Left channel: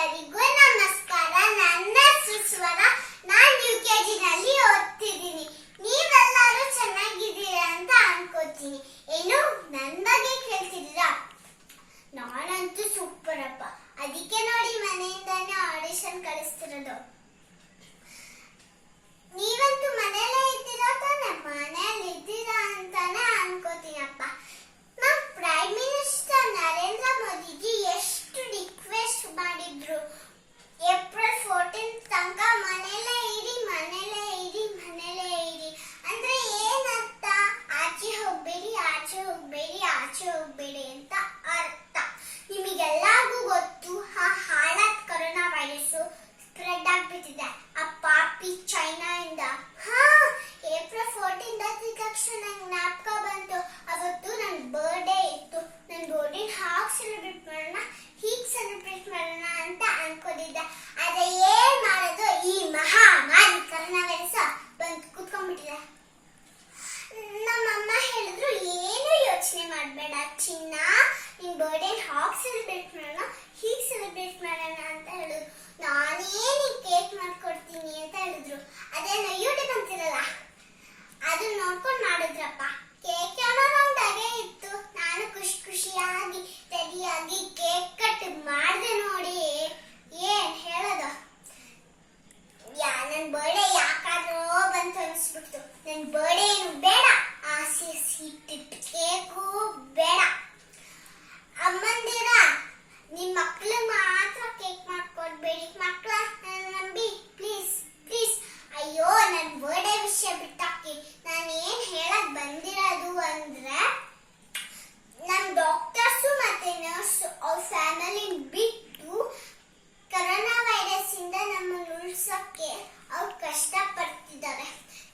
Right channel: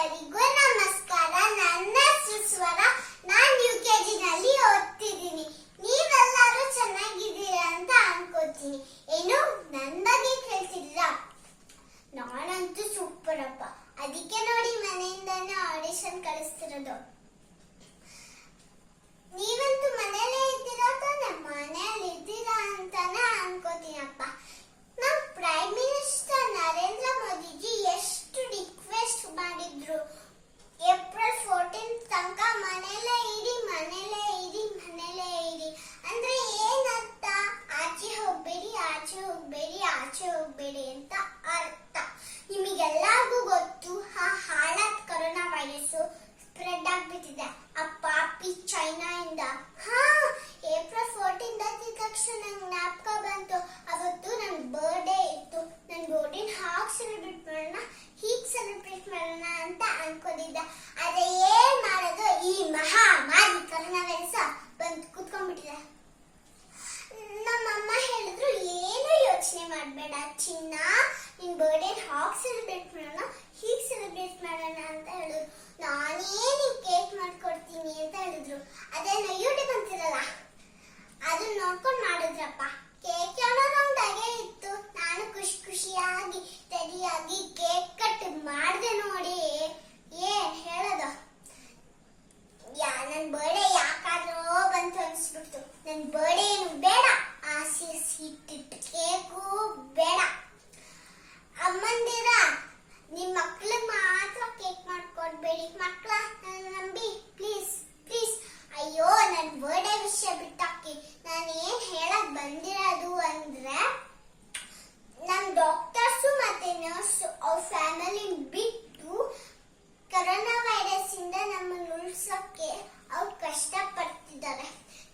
ಎಲ್ಲರಿಗೂ ನಮಸ್ಕಾರ. ನನ್ನ ಸುಸ್ವರ. ನಾನು UKG ನಲ್ಲಿ ಓದ್ತಿದ್ದೀನಿ. ನೀವೆಲ್ಲರೂ ಚೆನ್ನಾಗಿದ್ದೀರಾ ಅಂತ ಅನ್ಕೋತೀನಿ. ಏನು ನನ್ನ ಬಗ್ಗೆ ಕೇಳ್ತಿದ್ದೀರಾ? ನಾನಂತೂ ಸೂಪರ್ ಅಪ್ಪ. ಅದಕ್ಕೆ ನೋಡಿ ಮನೆಯಿಂದಾನೇ ಆಡಿಷನ್ ಕಳಿಸ್ತಿರೋದು. ನೀವಂತೂ ಮನೆಯಲ್ಲೇ ಇದ್ದೀರಾ ತಾನೆ? ಮನೆಯಲ್ಲಿ ಇದ್ದೀರಾ ಅಂತಾನೆ ಅನ್ಕೋತೀನಪ್ಪ. ನಮ್ಮ ಪ್ರೈಮ್ ಮಿನಿಸ್ಟರ್ ನರೇಂದ್ರ ಮೋದಿಜಿ ಎಷ್ಟು ರಿಕ್ವೆಸ್ಟ್ ಮಾಡಿದ್ರು, ಏಪ್ರಿಲ್ 14 ತನಕ ಮನೆಯಲ್ಲೇ ಇರಿ, ಮನೆಯಲ್ಲೇ ಇರಿ, ಮನೆಯಲ್ಲೇ ಇರಿ ಅಂದ್ರೆ ಏನರ್ಥ? ಆಚೆ ಹೋಗ್ಬೇಡಿ, ಆಚೆ ಹೋಗ್ಬೇಡಿ, ಆಚೆ ಹೋಗ್ಬೇಡಿ ಅಂತ ಅರ್ಥ. ನಿಮಗೆಲ್ಲರಿಗೂ ಗೊತ್ತು, ಹಾಳಾದ ಕೊರೋನಾ ವೈರಸ್ ಸ್ಪ್ರೆಡ್ ಆಗ್ಬಿಟ್ಟಿದೆ ಆ ಪಾಪಿ ಚೈನಾ ಇಂದ. ಏಪ್ರಿಲ್ 14 ಆದ ತಕ್ಷಣ ನಂಗೆ ಜ್ಞಾಪಕ ಬಂತು, ಅವತ್ತು ನನ್ನ ಬರ್ಡೇ ಇತ್ತು. ನನ್ನ ಬರ್ಡೇ ಹಾಗೆ ಸೆಲೆಬ್ರೇಟ್ ಮಾಡೋಣ, ಹೀಗೆ ಸೆಲೆಬ್ರೇಟ್ ಮಾಡೋಣ ಅಂತ ಅನ್ಕೊಂಡಿದ್ದೆ. ಆದ್ರೆ ಏನ್ ಮಾಡೋದು, ಈ ಮಹಾಮಾರಿ ಕೊರೋನಾ ವೈರಸ್ ಬಂದು ಕೂತ್ಕೊಂಡ್ಬಿಟ್ಟಿದೆ. ನಮ್ಮಮ್ಮ ಹೇಳಿದ್ರು, ಏನು ಯೋಚನೆ ಮಾಡಬೇಡ ಚಿನ್ನ, ನಿನ್ ಬರ್ಡೇ ಹಾಗೆ ಸೆಲೆಬ್ರೇಟ್ ಮಾಡೋಣ, ಹೀಗೆ ಸೆಲೆಬ್ರೇಟ್ ಮಾಡೋಣ ಅಂತ ಹೇಳಿದ್ರು. ನಾನೇನು ಕೇಕ್ ಮಾಡ್ಕೊಡ್ತೀನಿ ಅಂತ ಹೇಳಿದ್ರು. ಅದೇನೋ ಯೂಟ್ಯೂಬ್ ಅಂತಿರಲ್ಲ, ಅದನ್ನ ನೋಡ್ಕೊಂಡು ಮಾಡಿದ್ರಪ್ಪ. ಕೇಕ್ ಏನೋ ನಮ್ದಾಗೆ ಇತ್ತು. ನಾನು ಖುಷಿಯಾಗಿ ರೆಡಿಯಾಗಿ ಕೇಕ್ ಕಟ್ ಮಾಡಿದೆ ನೋಡಿ. ಏನ್ ಹೇಳೋದು, ನನ್ ಬರ್ಡೇ ಯಾಕಾದ್ರೂ ಬಂತು ಅನ್ಸ್ಬಿಡ್ತು. ನನ್ ಬರ್ಡೇ ಏನು ಬೇಡ, ಆಸೆ ಇಟ್ಟಿಟ್ಟು ಕೇಕು ಬೇಡ. ಅಮ್ಮಂದಿರ, ನಿಮ್ ಮಕ್ಳು ಮಾತ್ರ ಕೇಕ್ ಮಾಡ್ಕೊಡ್ಬೇಡಿ. ಮಕ್ಳ ನಂಬಿ ಪ್ಲೀಸ್ ಪ್ಲೀಸ್. ಅಯ್ಯೋ, ನನ್ ಬರ್ಡೇ ವಿಷಯ ಬಿಟ್ಟಾಕಿ. ನಾನು ಏನ್ ಹೇಳಕ್ ಬಂದಿರೋದು ಅಂದ್ರೆ, ನಮ್ ಡಾಕ್ಟರ್ಸ್ ಮತ್ತೆ ನರ್ಸ್ ಅವ್ರ ಫ್ಯಾಮಿಲಿ ಬಿಟ್ಟು ಕೊರೋನಾ ವೈರಸ್ ಇಂದ ನಮ್ಮನ್ನು ಉಳಿಸಕ್ಕೆ ಅವ್ರು ಕಷ್ಟ ಪಡ್ತಿದ್ದಾರೆ.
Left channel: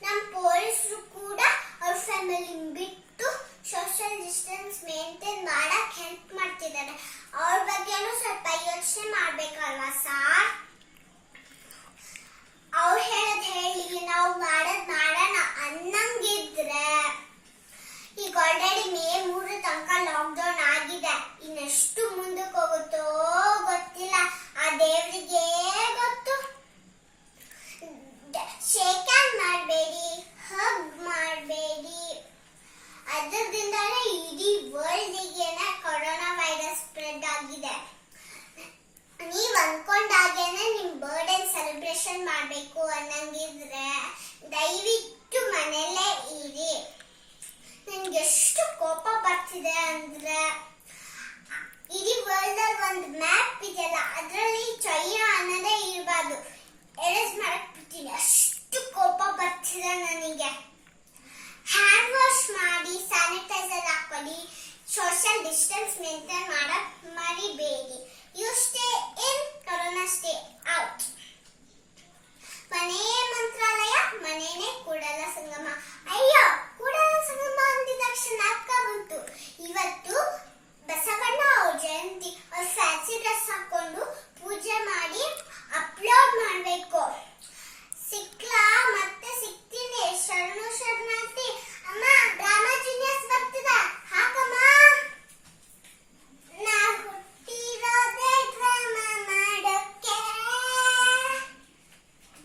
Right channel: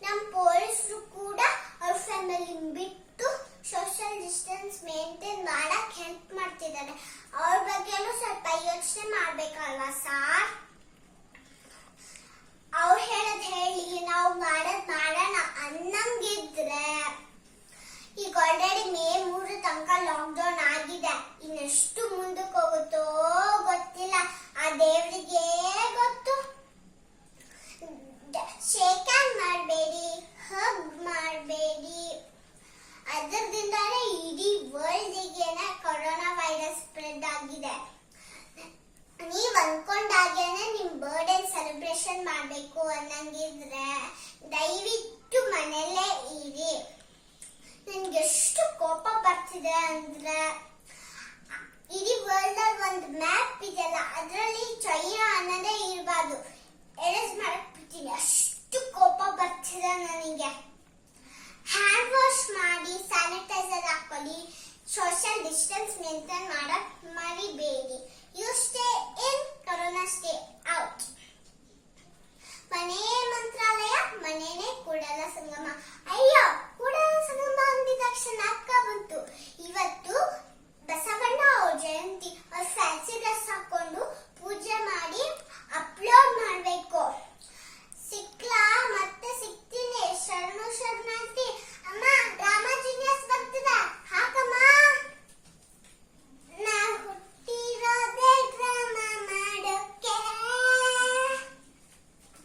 ನಮ್ ಪೊಲೀಸರು ಕೂಡ ಅವ್ರ ಫ್ಯಾಮಿಲಿ ಬಿಟ್ಟು ಸೋಷಿಯಲ್ ಡಿಸ್ಟೆನ್ಸ್ ಮೇಂಟೈನ್ ಮಾಡಕ್ ಹೆಲ್ಪ್ ಮಾಡ್ತಿದ್ದಾರೆ. ಅವ್ರ ಬಗ್ಗೆನೂ ಸ್ವಲ್ಪ ಯೋಚನೆ ಮಾಡ್ಬೇಕಲ್ವಾ ಸಾರ್? ಅವ್ರು ಹೇಳದ್ ಹೇಳಿ, ನಾವು ಮಾಡೋದ್ ಮಾಡೋಣ ಅನ್ನಂಗಿದ್ರೆ, ಈಗ ಆಲ್ರೆಡಿ ಮೇ 3 ತನಕ ಲಾಕ್ಡೌನ್ ಆಗಿದೆ. ಇನ್ನೆಷ್ಟು ಮುಂದಕ್ಕೆ ಹೋಗುತ್ತೋ ಗೊತ್ತಿಲ್ಲ, ಆ ದೇವರಿಗೆ ಗೊತ್ತು. ಶೇಕ್ ಹ್ಯಾಂಡ್ ಮಾಡಬೇಡಿ, ಹಗ್ ಮಾಡಬೇಡಿ. ಅದರಿಂದಲೇ ಇಡೀ ವರ್ಲ್ಡ್ಗೆನೆ ಕೊರೋನಾ ವೈರಸ್ ಸ್ಪ್ರೆಡ್ ಆಗಿದೆ. ನೀವ್ ಅನ್ಕೊಂಡಾಗೇನೆ ನಿಮ್ ಬರ್ಡೇ ಸೆಲೆಬ್ರೇಷನ್ ಮಾಡ್ಬೇಕು ಅನ್ನಂಗಿದ್ರೆ ದಯವಿಟ್ಟು ಮನೆಯಲ್ಲೇ ಇರಿ. ನನ್ಗೆ ಎಷ್ಟು ಕೋಪ ಬರ್ತಿದೆ ಅಂದ್ರೆ, ಇಡೀ ವರ್ಲ್ಡ್ ಅಲ್ಲಿ ಒಂದು ಮ್ಯಾಪ್ ಇದೆಯಲ್ಲ, ಅದ್ರಲ್ಲಿ ಚೈನಾ ಅನ್ನೋದೇ ಇರಬಾರ್ದು. ಎರೇಸ್ ಮಾಡಕ್ ಬಿಡ್ತೀನಿ, ಅಷ್ಟು ಕೋಪ ಬರ್ತಿದೆ ನನಗೆ. ಹ್ಯಾಂಡ್ ವಾಶ್ ಮಾಡಿ, ಸ್ಯಾನಿಟೈಸರ್ ಹಾಕೊಳ್ಳಿ, ಸೋಷಿಯಲ್ ಡಿಸ್ಟೆನ್ಸ್ ಮೇಂಟೈನ್ ಮಾಡಕ್ ಮರಿಬೇಡಿ. You stay in, corona stay out. ಮನೆಯೇ ಮಂತ್ರಾಲಯ, ಮನೆಯೇ ಕೂಡಲ ಸಂಗಮ. ಅಯ್ಯೋ, ಕೂಡಲ ಸಂಗಮ